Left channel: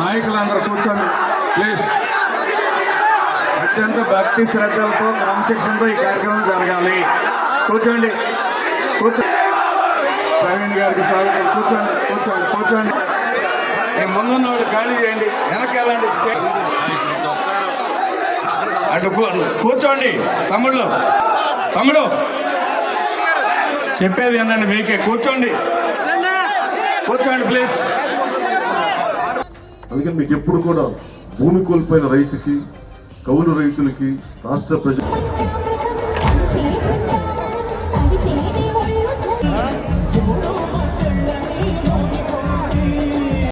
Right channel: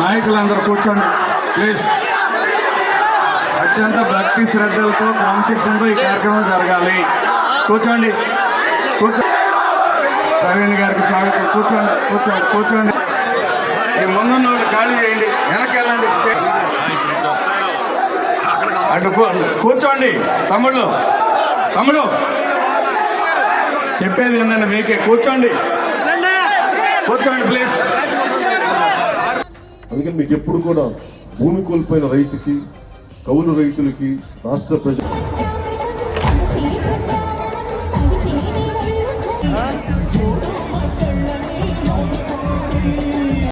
నాయకులందరూ అత్యంత భక్తి శ్రద్ధలతో క్రమశిక్షణతో ఈ కార్యక్రమం జరగాలి. కూర్చోండి. కూర్చోండి ప్రవీణ్ గారికి స్వాగతం. కూర్చోండి కూర్చోండి కూర్చోండి. ముందున్న వాళ్ళు ఖాళీ చేయండి. అటు కూర్చోండి. తమ్ముళ్ళు తమ్ముడు. చెప్పేది ఏంటండి మీకే. కూర్చోండి. కూర్చోండి ప్లీజ్ అందుకని మీకు ఎప్పుడు కూడా భూమి కోల్పోయిన రైతుకి కౌలు రైతులకి రాష్ట్ర ప్రజలు